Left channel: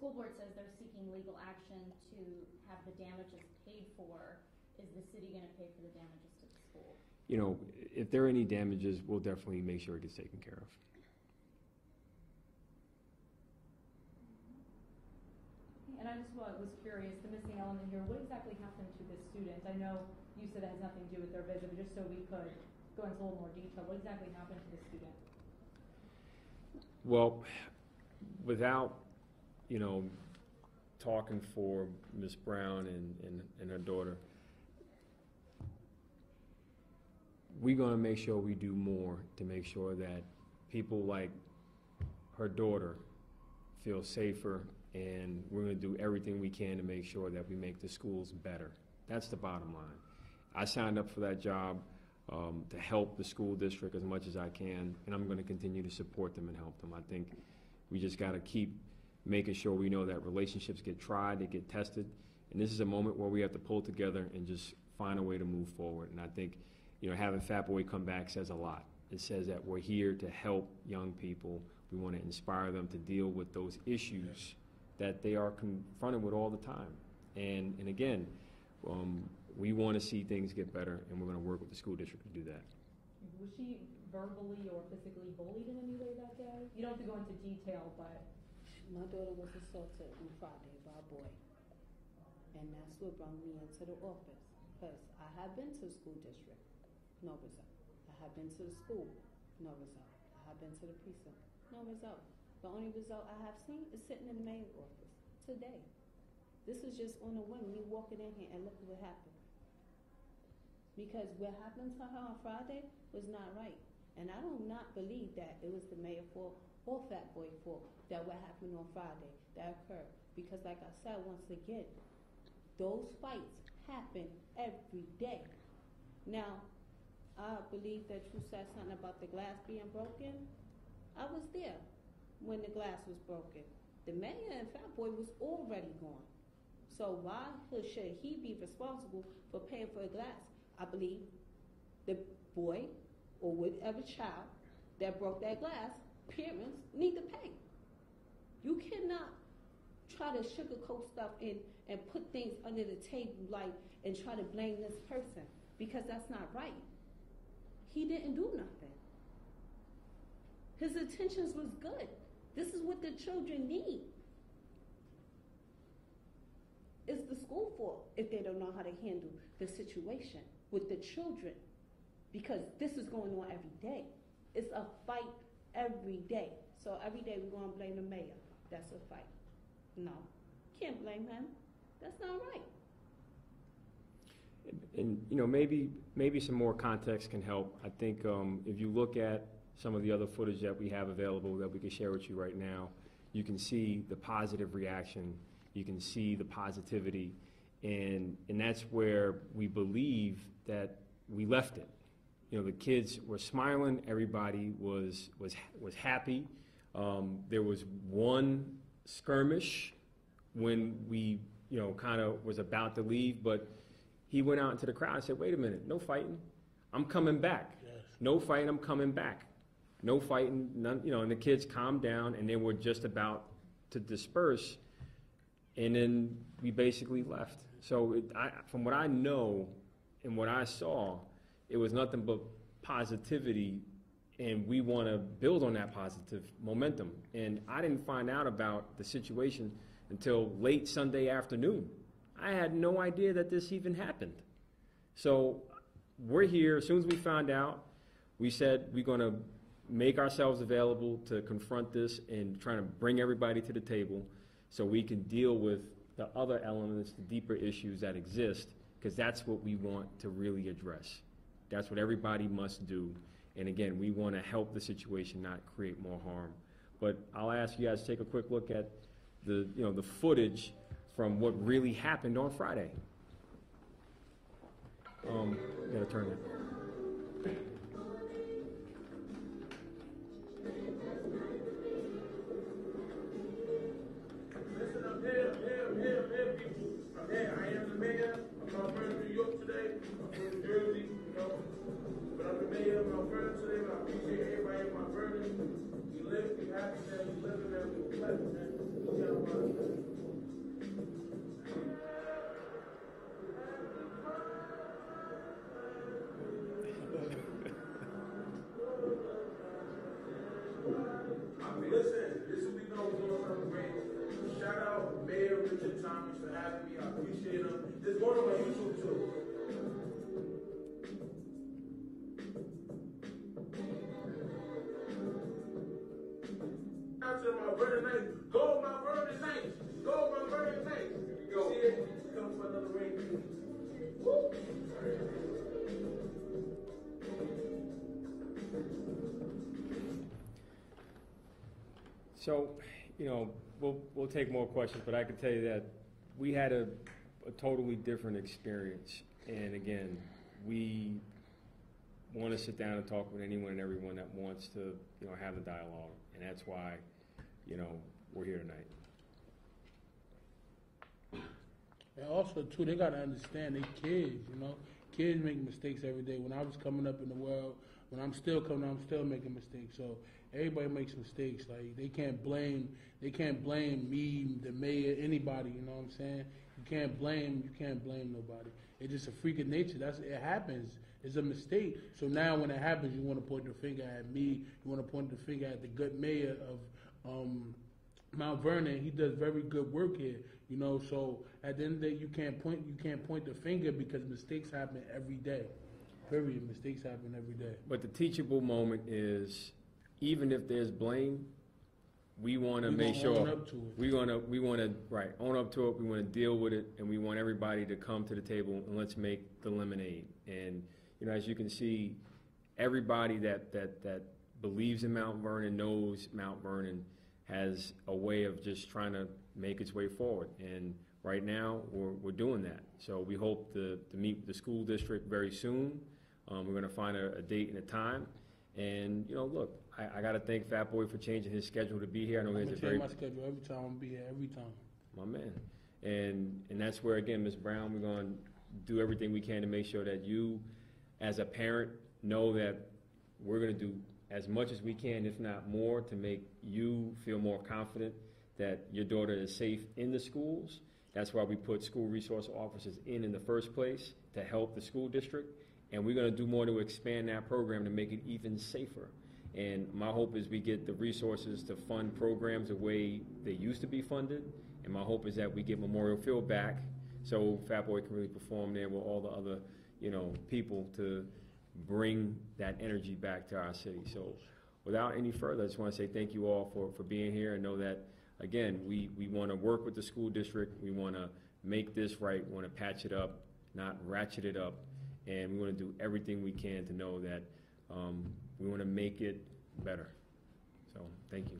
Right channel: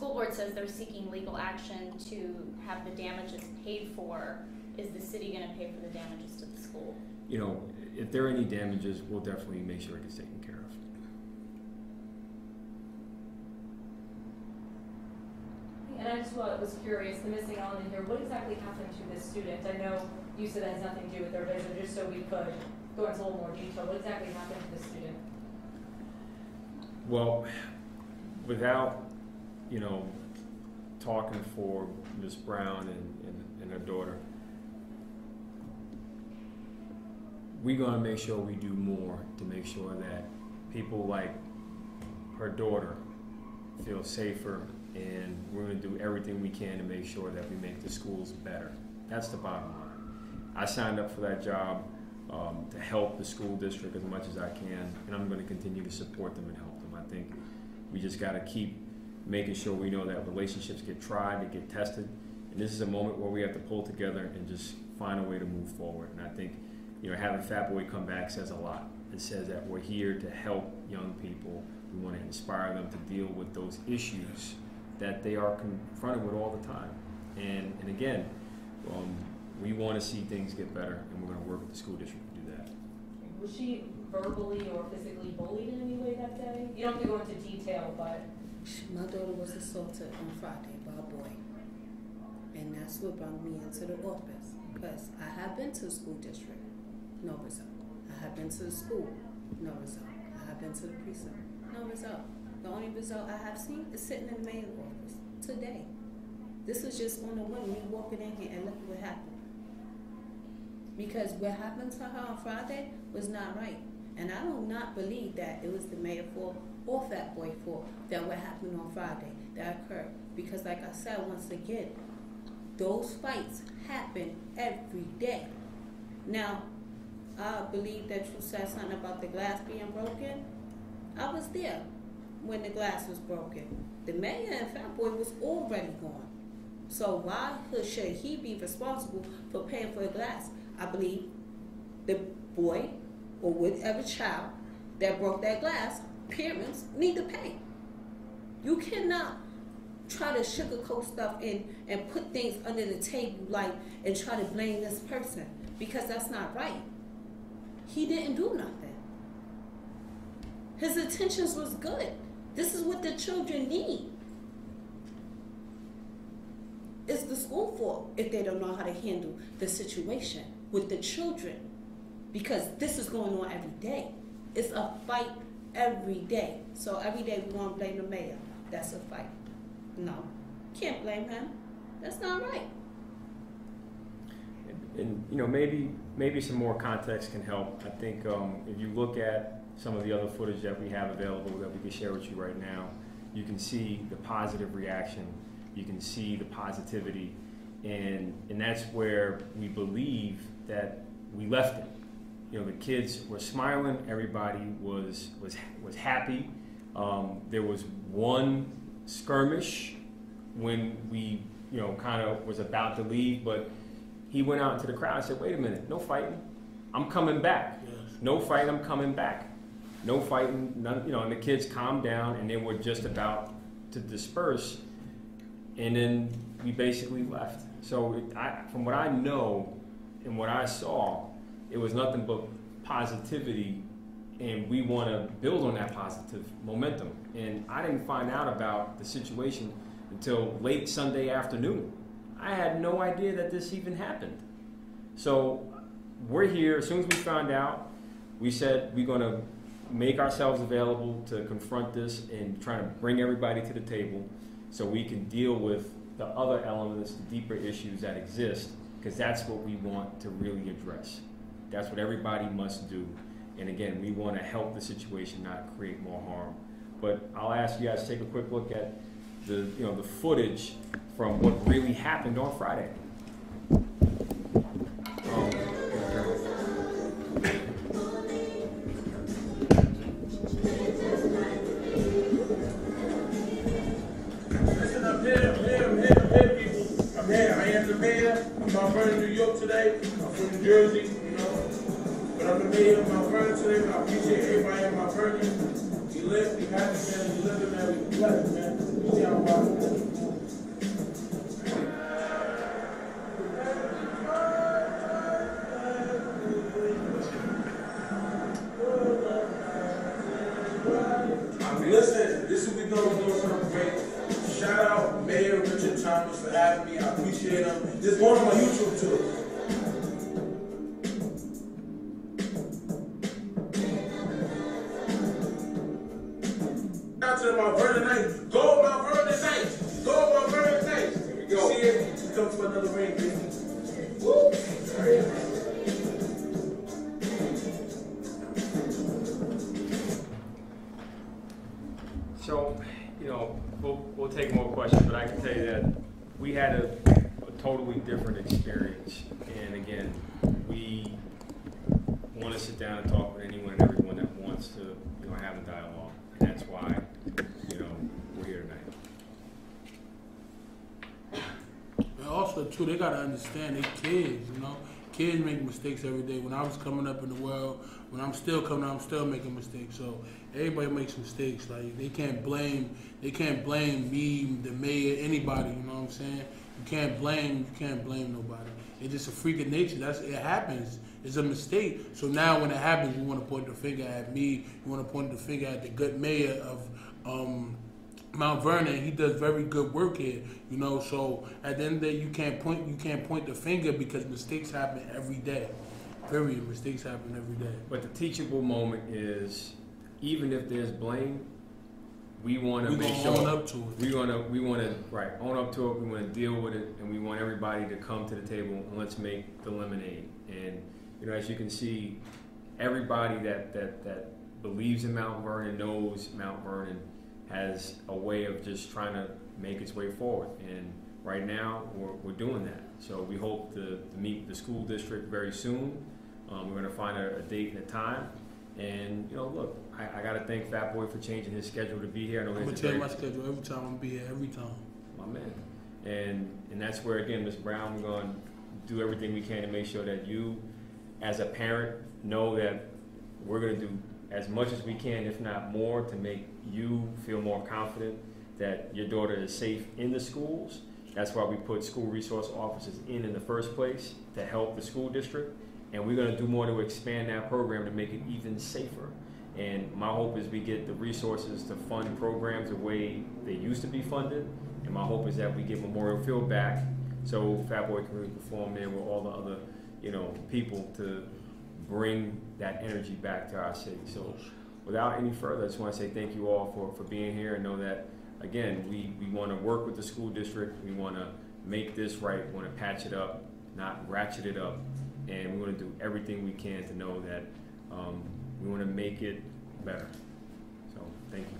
school board says they're seeking legal action to have the damages paid for. Is the city going to pay for the damages to the school? You know, if there are any damages, we'll definitely make sure it gets taken care of. And I just was curious, the missing element here, what exactly happened to this student? I know you said that has nothing to do with their vision, just so we could go into a little more detail. What exactly happened to this student? Well, without, you know, talking for Ms. Brown and her daughter, we're going to make sure we do more to make sure that people like her daughter feel safer, and we're going to do everything we can to make sure that we make the schools better. That's the bottom line. I signed up for that job to help the school district as much as I can, and I'm going to continue to support them and help them. I think we just got to keep making sure we know that relationships get tried, they get tested, and this is a moment where we have to pull together and just find a way to move forward. And I think, you know, having Fatboy come back says a lot. It says that we're here to help young people. We want to inspire them to deal with those issues that they are confronted with all the time. And again, we want to see things get better, and we're going to work with the school district to do that. Was she verbally or physically bullied in any way that day? You don't have to go into detail, but... My daughter was assaulted on Friday by a boy. And that's what brought me into the office. Because I have been to the school district, no result. I have been to the school, no result. I have been to the precinct, no result. The only result I have seen is sitting in the mayor's office today. This was just on the whim, me walking in here and look what happened. Because what happened to her on Friday was not right. And I do not believe that it was the mayor's fault or Fatboy fault that what happened on Friday that occurred. Because like I said once again, those fights happen every day. Now, I believe that you said something about the glass being broken. I was there when the glass was broken. The mayor and Fatboy was already gone. So why should he be responsible for paying for the glass? I believe the boy or whatever child that broke that glass, parents need to pay. You cannot try to sugarcoat stuff and put things under the table like and try to blame this person, because that's not right. He didn't do nothing. His intentions was good. This is what the children need. It's the school fault if they don't know how to handle the situation with the children, because this is going on every day. It's a fight every day. So every day we're going to blame the mayor. That's a fight. No, can't blame him. That's not right. And you know, maybe some more context can help. I think if you look at some of the other footage that we have available that we can share with you right now, you can see the positive reaction. You can see the positivity, and that's where we believe that we left it. You know, the kids were smiling. Everybody was happy. There was one skirmish when we, you know, kind of was about to leave, but he went out into the crowd and said, "Wait a minute, no fighting. I'm coming back. Yes. No fighting. I'm coming back. No fighting." None, you know, and the kids calmed down, and they were just about to disperse, and then we basically left. So from what I know and what I saw, it was nothing but positivity, and we want to build on that positive momentum. And I didn't find out about the situation until late Sunday afternoon. I had no idea that this even happened. So we're here. As soon as we found out, we said we're going to make ourselves available to confront this and try to bring everybody to the table so we can deal with the other elements, the deeper issues that exist, because that's what we want to really address. That's what everybody must do. And again, we want to help the situation, not create more harm. But I'll ask you guys to take a quick look at the footage from what really happened on Friday. Listen, I'm here, people. I'm here. I am the mayor. I'm Mount Vernon, New York today. I'm from New Jersey, you know. But I'm the mayor of Mount Vernon today, and I appreciate everybody in Mount Vernon. We live, we have to, we live in there, we blessed, man. You see how Anonymous for having me. I appreciate them. Just go to my YouTube too. Out to the Mount Vernon Knights. Go Mount Vernon Knights. Go Mount Vernon Knights. Here we go. See it? We come for another ring, baby. Woo! So, you know, we'll take more questions, but I can tell you that we had a totally different experience. And again, we want to sit down and talk with anyone and everyone that wants to, you know, have a dialogue. And that's why, you know, we're here tonight. And also, too, they got to understand they kids, you know. Kids make mistakes every day. When I was coming up in the world, when I'm still coming up, I'm still making mistakes. So everybody makes mistakes. Like, they can't blame me, the mayor, anybody, you know what I'm saying? You can't blame nobody. It's just a freak of nature. It happens. It's a mistake. So now when it happens, you want to point the finger at me. You want to point the finger at the good mayor of Mount Vernon. He does very good work here, you know. So at the end of the day, you can't point the finger because mistakes happen every day. Period. Mistakes happen every day. But the teachable moment is, even if there's blame, we want to make sure own up to it. we want to own up to it. We want to deal with it, and we want everybody to come to the table and let's make the lemonade. And you know, as you can see, everybody that believes in Mount Vernon knows Mount Vernon has a way of just trying to make its way forward. And right now, we're doing that. So we hope to meet the school district very soon. We're going to find a date and a time. And, you know, look, I got to thank Fatboy for changing his schedule to be here. I know I'm going to change my schedule every time. I'm going to be here every time. My man. And that's where, again, Ms. Brown, we're going to do everything we can to make sure that you, as a parent, know that we're going to do as much as we can, if not more, to make you feel more confident that your daughter is safe in the schools. That's why we put school resource officers in the first place, to help the school district. And we're going to do more to expand that program to make it even safer. And my hope is we get the resources to fund programs the way they used to be funded. And my hope is that we get Memorial Field back so Fatboy can really perform there with all the other, you know, people to bring that energy back to our city. So without any further, I just want to say thank you all for being here, and know that, again, we want to work with the school district. We want to make this right. We want to patch it up, not ratchet it up. And we want to do everything we can to know that we want to make it better. So thank you.